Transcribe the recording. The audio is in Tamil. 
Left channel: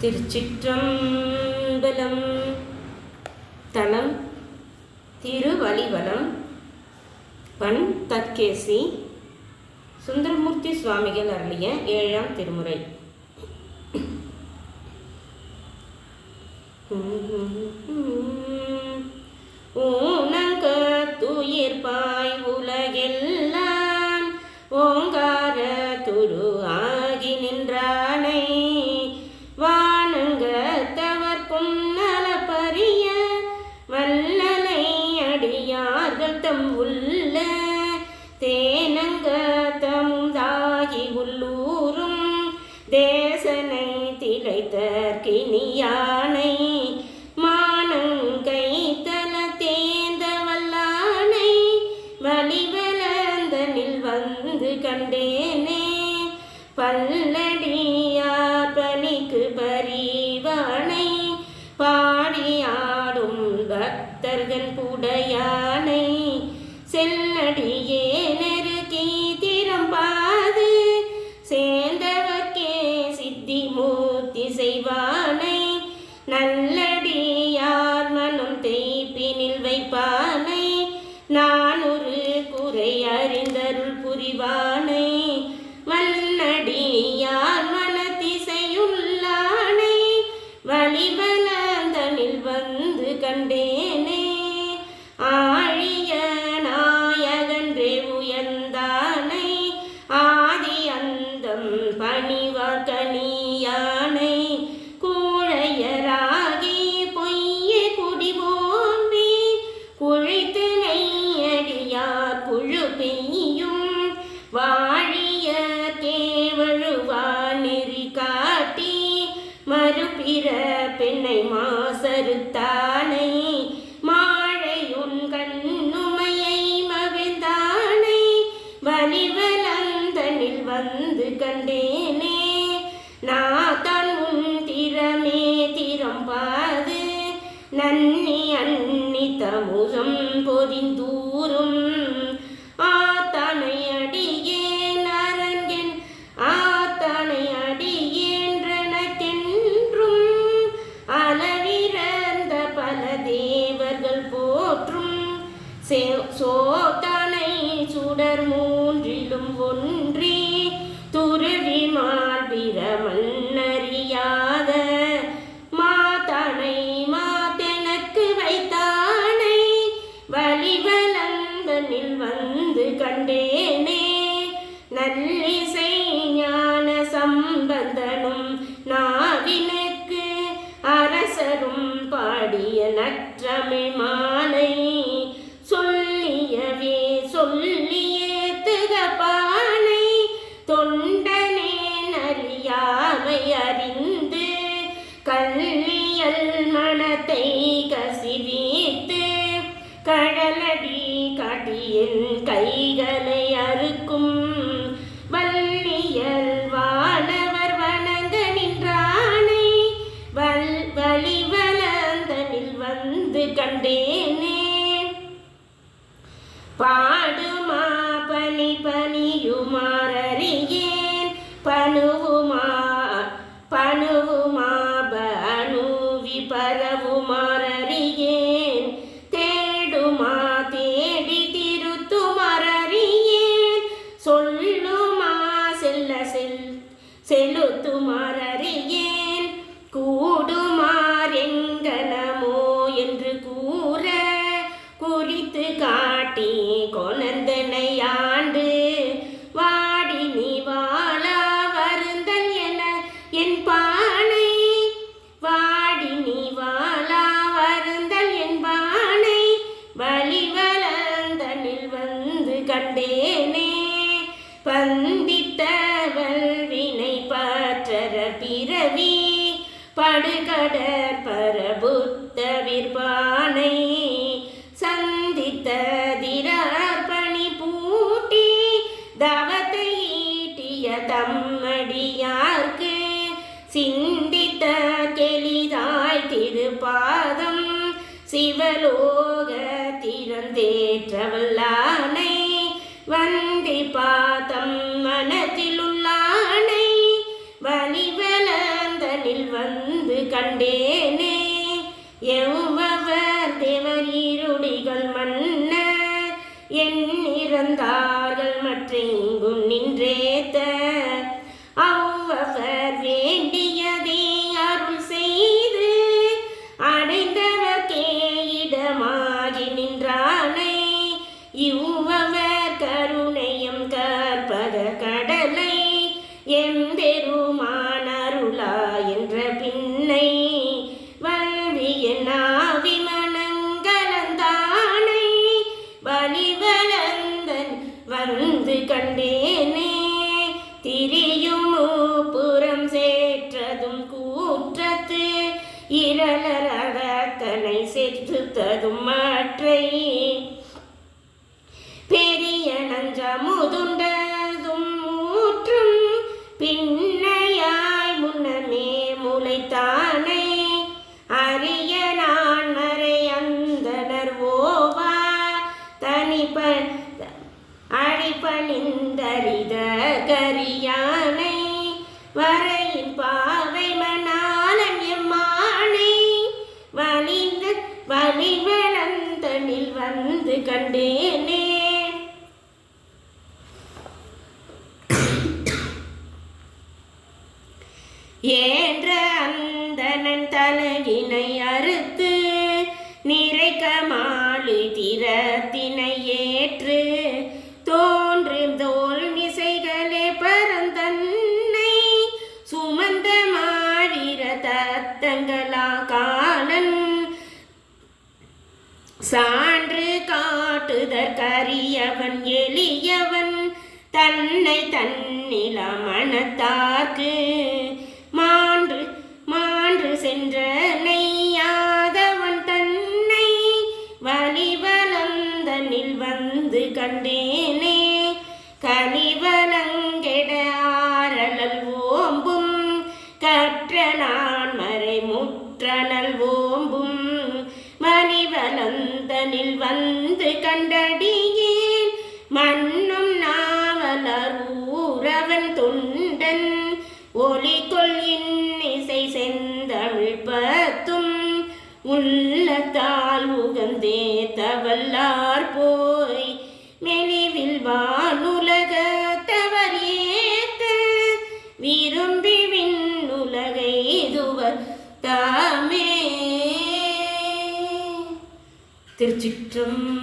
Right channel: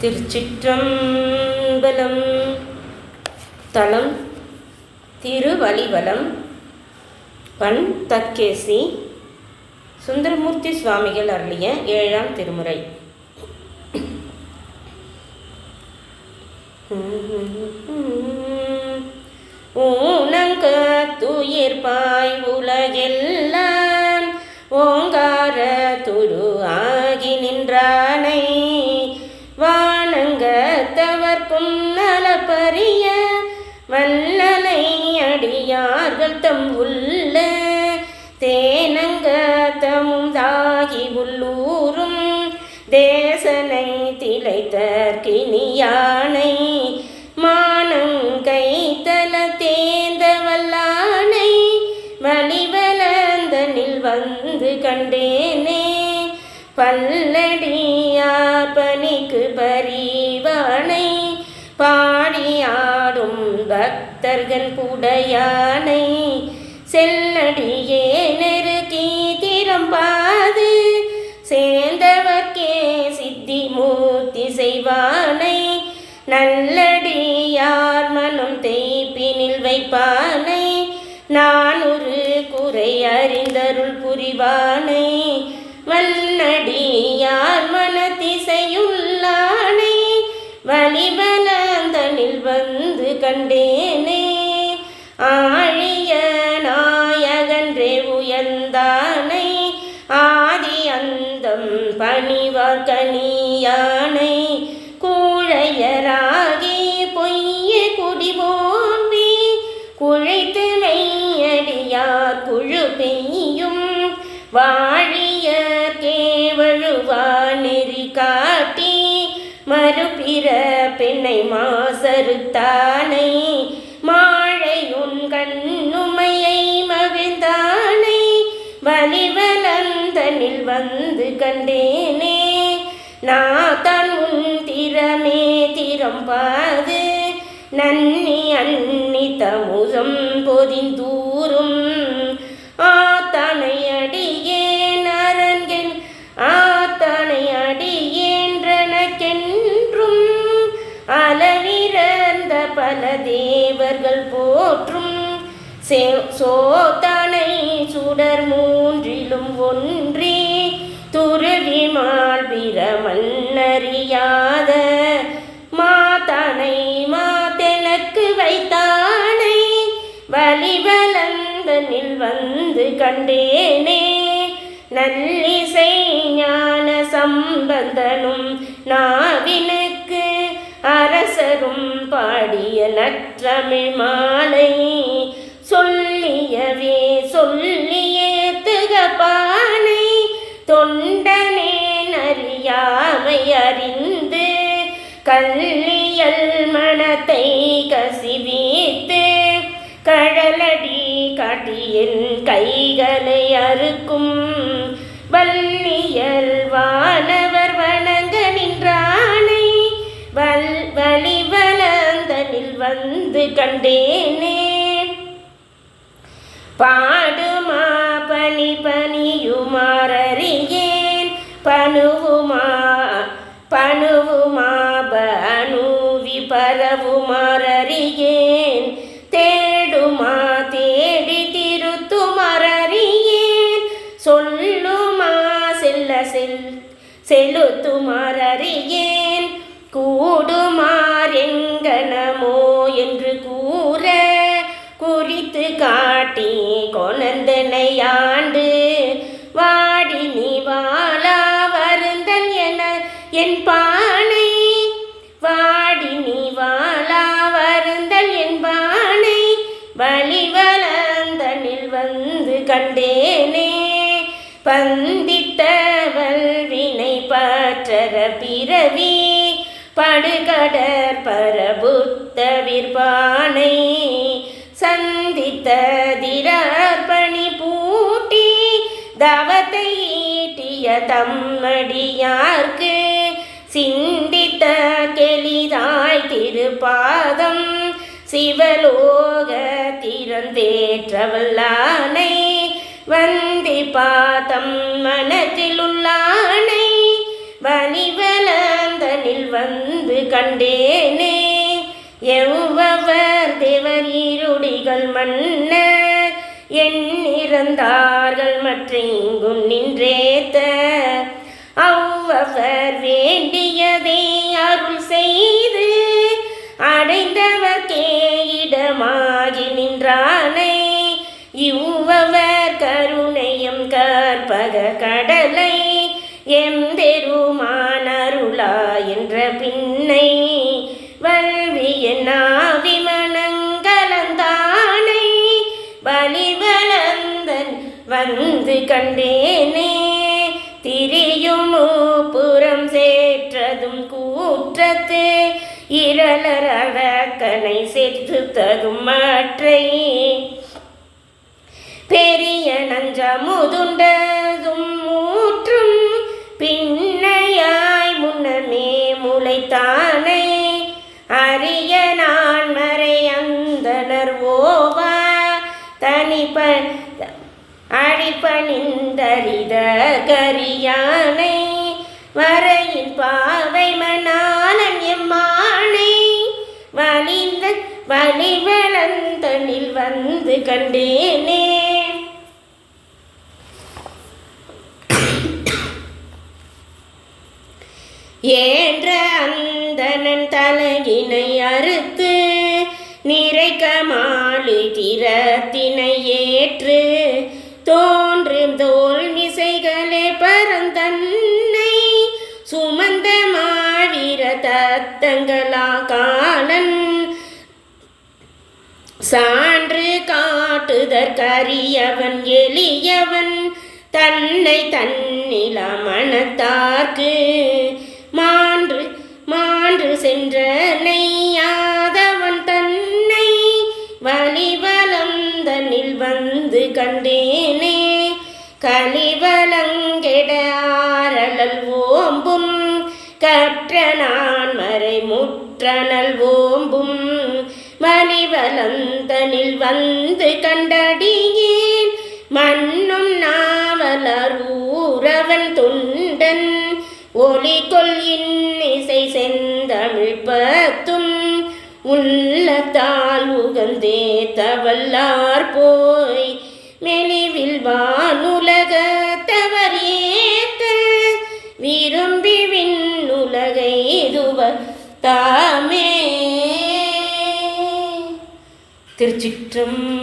திருச்சிற்றம்பலம். தலம் திருவலிவலம். பண் தக்கேசி. சுந்தரமூர்த்தி சுவாமிகள் அருளிய 7ஆம் திருமுறை. ஊனங்கத்துயிர்பாய் உலகெல்லாம் ஓங்கார துரு ஆகி நின்றானை வானங்கத்தவர்க்கும் நலப்பரிய வல்லனை அடியார்கள் தம் உள்ள தேனங்கத்தமும் தாகி உள்ளூரும் தேசனை திளைத்தற்கினியானை மானங்கை தல தேந்த வல்லானை வலிவலந்தனில் வந்து கண்டேனே பல்லடியார் பணிக்கு பரிவானை பாடியாடும் பக்தர்கள் புடையானை செல்லடியே நெருக்கி திறம்பாது சேர்ந்தவர்க்கே சித்தி மூர்த்தி செய்வானை நல்லடியார் மனம் தேய்ப்பினில் வைப்பானை நானொரு குறை அறிந்தருள் புரிவானை வல்லடியார் மனத்திசையுள்ளானை வலிவலந்தனில் வந்து கண்டேனே ஆழிய நாயகன்றே உயர்ந்தானை ஆதி அந்தம் பணிவார் கனியானை கூழையராகி பொய்ய குடிபோம்பி குழைத்து மெய்யடியார் குழு பெய்யும் வாழிய கேவழுவா நெறி காட்டி மறுபிற பெண்ணை மாசறுத்தானை மாழையுன் கண்ணுமையை மகிழ்ந்தானை வலிவலந்தனில் வந்து கண்டேனே நாத்தான் உன் திறமே திறம்பாது நன்னி அன்னி தமுதம் பொதிந்தூரும் ஆத்தனை அடியேன் அரங்கன் ஆத்தனை அடியேன்றனக்கென்றும் அளவிறந்த பல தேவர்கள் போற்றும் சோதனை சுடர் மூன்றிலும் ஒன்றே துருவி மால்பிர மன்னறியாத மாதனை மாதெனக்கு வைத்தானை வலிவலந்தனில் வந்து கண்டேனே நல்லிசை ஞான சம்பந்தனும் நாவினுக்கு அரசரும் பாடிய நற்றமிழ் மாலை சொல்லியவே சொல்லியே திகப்பானை தொண்டனே அறியாமை அறிந்து கல்லியல் மனத்தை கசிவித்து கழலடி காட்டியின் கைகளை அறுக்கும் வல்லியல் வானவர் வணங்க நின்றானை வலிவலந்தனில் வந்து கண்டேனே பாடுமா பனி பனியுமாறறியேன் பணுவுமா பனுவி பரவுமாறறியேன் தேடுமா தேடி திருத்துமாறறியேன் சொல்லுமா செலுத்துமாறறியேன் கூடுமாறெங்கனமோ என்று கூற குறித்து காட்டி கொணந்தனை ஆண்டு வாடி நீ வாழா வருந்தல் என என் பானை வாடி நீ வாழா வருந்தல் என் பானை வலிவலந்தனில் வந்து கண்டேனே பந்திட்ட வல்வினை பற்றற பிறவி படுகடற் பரபுத்த விற்பானை சந்தித்த திரர்பணி பூட்டி தவத்தை ஈட்டிய தம்மடியார்க்கு சிந்தித்த கெளிதாய் திருப்பாதம் சிவலோக திறந்தேற்றவல்லானை வந்தி பாதம் மனத்திலுள்ளானை வலிவலந்தனில் வந்து கண்டேனே. எவ்வவர் தேவர் ஈருடிகள் மன்னர் எண்ணிறந்தார்கள் மற்றெங்கும் நின்றேத்த. அவ்வவர் வேண்டியதை அருள் செய்து அடைந்தவர்க்கே இடமாகி நின்றானை. இவ்வவர் கருணையம் கற்பக கடலை எம்பெருமான் அருளா என்ற பின்னை வல்விய நாவி மனங்கலந்தானை வலிவலந்தன் வந்து கண்டேனே. திரியும் புறம் சேற்றதும் கூற்றத்து இரளர் அழக்கனை செற்றுத்ததும் மற்றை பெரிய நஞ்சமுதுண்டதும் மூற்றும் பின்னையாய் முன்னமே முளைத்தானை. அரிய நான் மறை அந்தனர் ஓவா தனிப்ப அழிப்பணிந்தறித கரியானை வரையின் பாவை மணாலன் எம்மானை வலிவலந்தனில் வந்து கண்டேனே. ஏன்ற அந்தனன் தலையினை அறுத்து நிறைக்க மாலி திறத்தினை ஏற்று தோன்றும் தோல் மிசைகளே பரந்தன்னை சுமந்த மாவீர தத்தங்களா காலன் சான்று காட்டுதற்கரியவன் எளியவன் தன்னை தன்னில மனத்தார்க்கு மான்று மான்று சென்ற நெய்யாதவன் தன்னை வலிவலந்தனில் வந்து கண்டேனே. கலிவலங்கெட ஆரலல் ஓம்பும் கற்ற நான் மறை முற்றனல் ஓம்பும் வலிவலந்தனில் வந்து கண்டடியேன் மண்ணும் நாவலர் ஊரவன் தொண்டன் ஒலி கொள்ளின் இசை செந்தமிழ் பத்தும் உள்ளத்தால் உகந்தே தவல்லார் போய் மெலிவில் வானுலகத்தவர் ஏத்த விரும்பி விண்ணுலகை இதுவர் தாமே. திருச்சிற்றம்பலம்.